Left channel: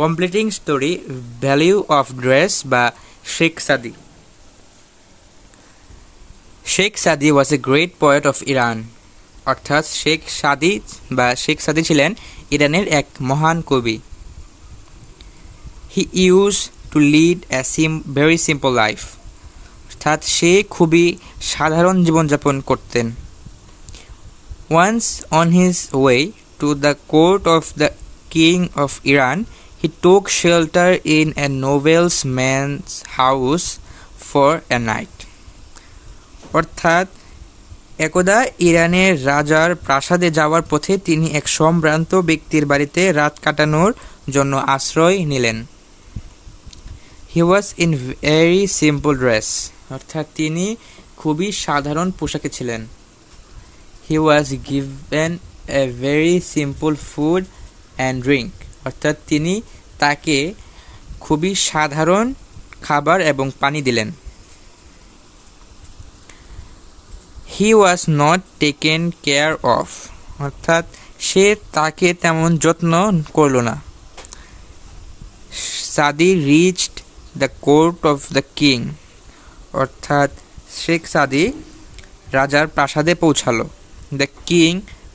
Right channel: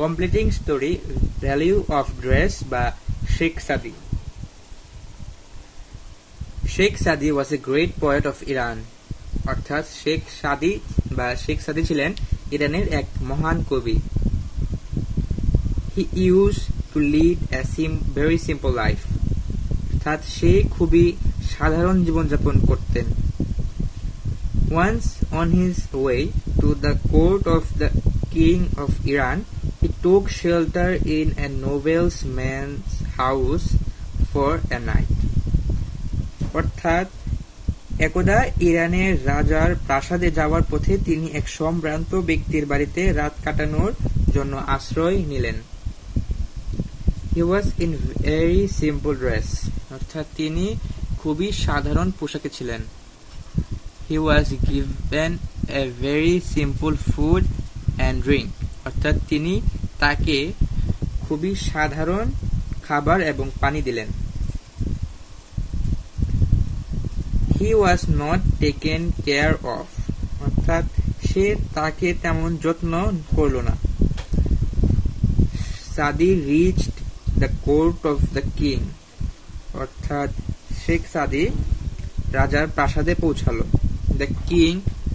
Completing story value of dress বা Sheikh Saadi. Sheikh Saadi was a great poet of Iran, অর্থাৎ Sheikh Saadi ছিলেন ইরানের এক মহান কবি। He use to lead a very simple life, অর্থাৎ সে খুবই সাধারণ জীবনযাপন করতেন। Once on his way to the court of the king of Iran, he took shelter in a nobleman's house for a night. অর্থাৎ একদা ইরানের রাজার প্রাসাদে যাওয়ার পথে তিনি এক সম্ভ্রান্ত ব্যক্তির বাড়িতে রাত কাটানোর জন্য আশ্রয় নিলেন। He was in very simple dress, অর্থাৎ তিনি খুবই সাধারণ পোশাকে ছিলেন। He was given a very simple food and drink, অর্থাৎ তিনি তাকে খুবই সাধারণ খাবার এবং পানি দিলেন। He was not taken care of, অর্থাৎ সে তাকে তেমন যত্ন করল না। Saadi reached the court of the king, অর্থাৎ শেখ সাদি রাজার প্রাসাদে পৌঁছালো। The king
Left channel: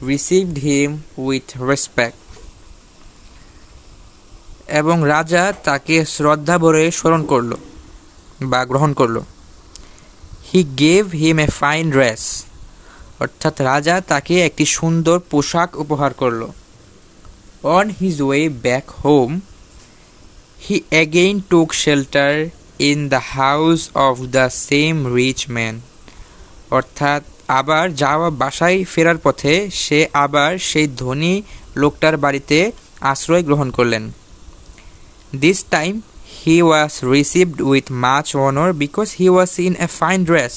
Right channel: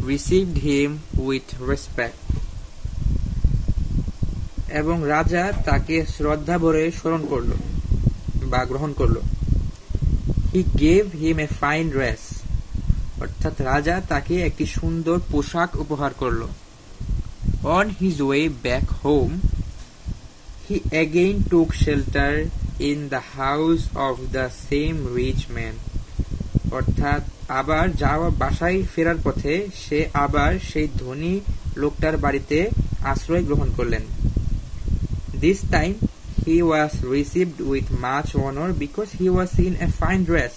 received him with respect, এবং রাজা তাকে শ্রদ্ধা ভরে স্মরণ করল বা গ্রহণ করল। He gave him a fine dress, অর্থাৎ রাজা তাকে একটি সুন্দর পোশাক উপহার করল। On his way back home, he again took shelter in the house of the same rich man, অর্থাৎ আবার বাসায় ফেরার পথে সে আবার সেই ধনী লোকটার বাড়িতে আশ্রয় গ্রহণ করলেন। This time he was received with much honor because he was in a fine dress,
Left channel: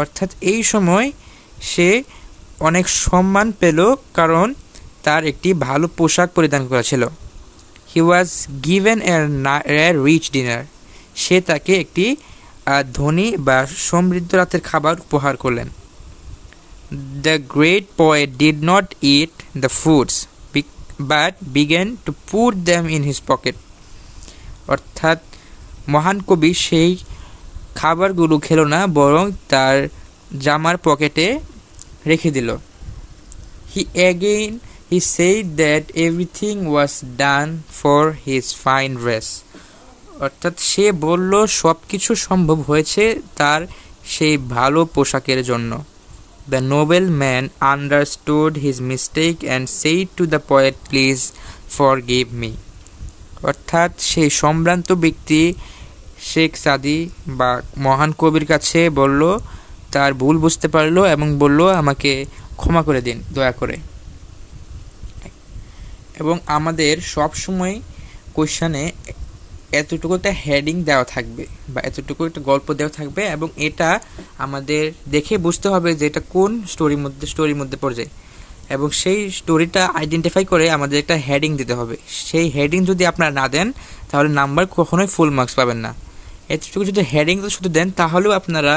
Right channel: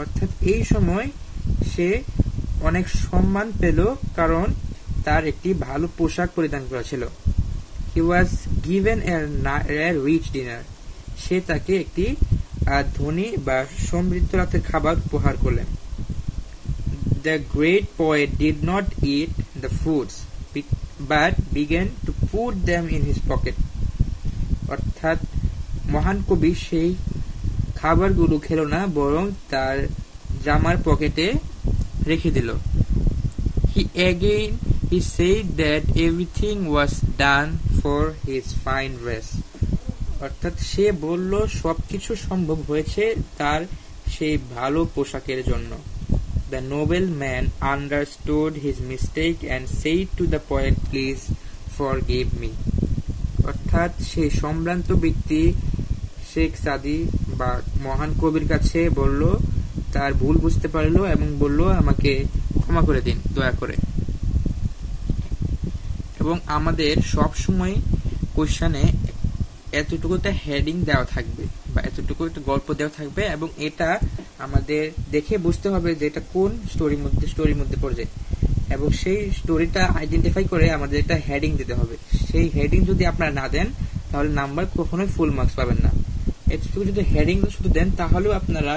অর্থাৎ এই সময় সে অনেক সম্মান পেল কারণ তার একটি ভালো পোশাক পরিধান করা ছিল। he was given a rich dinner, সে তাকে একটি ধনী বা সমৃদ্ধ রাতের খাবার উপহার করলেন। the great poet did not eat the foods but began to put them in his pocket, অর্থাৎ মহান কবি সেই খাবারগুলো খেলো না, বরং তার জামার পকেটে রেখে দিল। He said that everything was done for his fine dress, অর্থাৎ সে বলল সবকিছু সম্ভব হয়েছে তার সেই ভালো পোশাকের জন্য। The noble man understood his mistake and said to the poet, "Please forgive me." অর্থাৎ সেই সম্ভ্রান্ত ব্যক্তি শেখ সাদি বা মহান কবির কাছে বলল, তার ভুল বুঝতে পারলো এবং বলল আমাকে ক্ষমা করে দিন দয়া করে। এবং আমাদের সব সময় কোশ্চেনে এতটুকুতে হেডিং দেওয়া থাকবে বা এতটুকু একটা গল্প দেওয়া থাকবে, এবং এটা আমাদের দেখে বুঝতে হবে যে এটা কোন স্টোরির মধ্যে পড়ে যায়, এবং সেই স্টোরিটা আইডেন্টিফাই করে আমাদের একটা হেডিং দিতে হবে। সেই হেডিং যদি আপনারা না দেন তাহলে নাম্বার কখনোই ফুল মার্কস পাবেন না। এতটুকু যদি হেডিং শুধু দেন তাহলেও আপনারা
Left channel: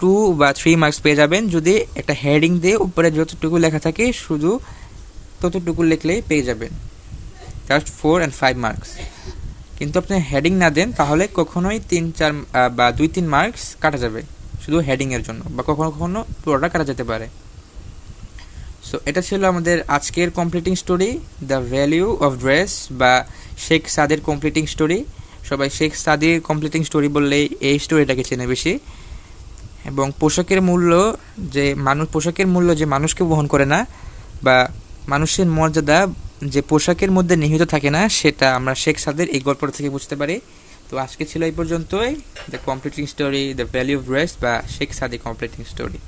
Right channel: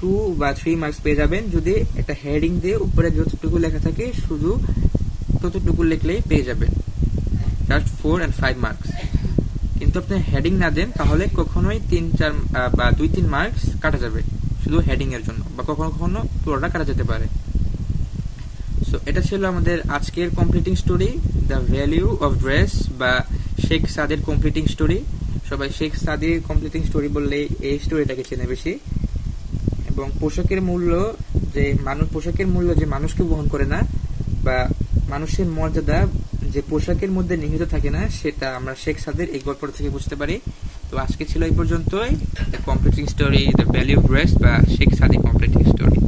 2 বা 3 মার্কস পেয়ে যাবেন। যদি একটা হেডিং দিয়ে উপরে যতটুকু লেখা থাকে শুধু ততটুকু লিখলেই পেয়ে যাবেন, জাস্ট 4 and 5 মার্কস। কিন্তু আপনি হেডিং না দেন তাহলে কখনোই 3-4 বা 2-3 মার্কস কাটা যাবে শুধু হেডিং এর জন্য, বা কখনো কখনো পুরোটা কাটা যেতে পারে। সো এটা ছিল আমাদের আজকের completing story, the value of dress বা শেখ সাদির কমপ্লিটিং স্টোরি। সবাই শেখ সাদির কমপ্লিটিং স্টোরি বললেই এই স্টোরিটাকে চেনে বেশি। এবং পোশাকের মূল্য যে মানুষকে বহন করে না, বা মানুষের মর্যাদা যে পোশাকের মধ্যে নিহিত থাকে না, সেটা আমরা শেখ সাদির এই গল্পটা থেকে বুঝতে পারি। তো আজকে ছিল এই পর্যন্তই, the completing story, the value of dress বা শেখ সাদি কমপ্লিটিং স্টোরি।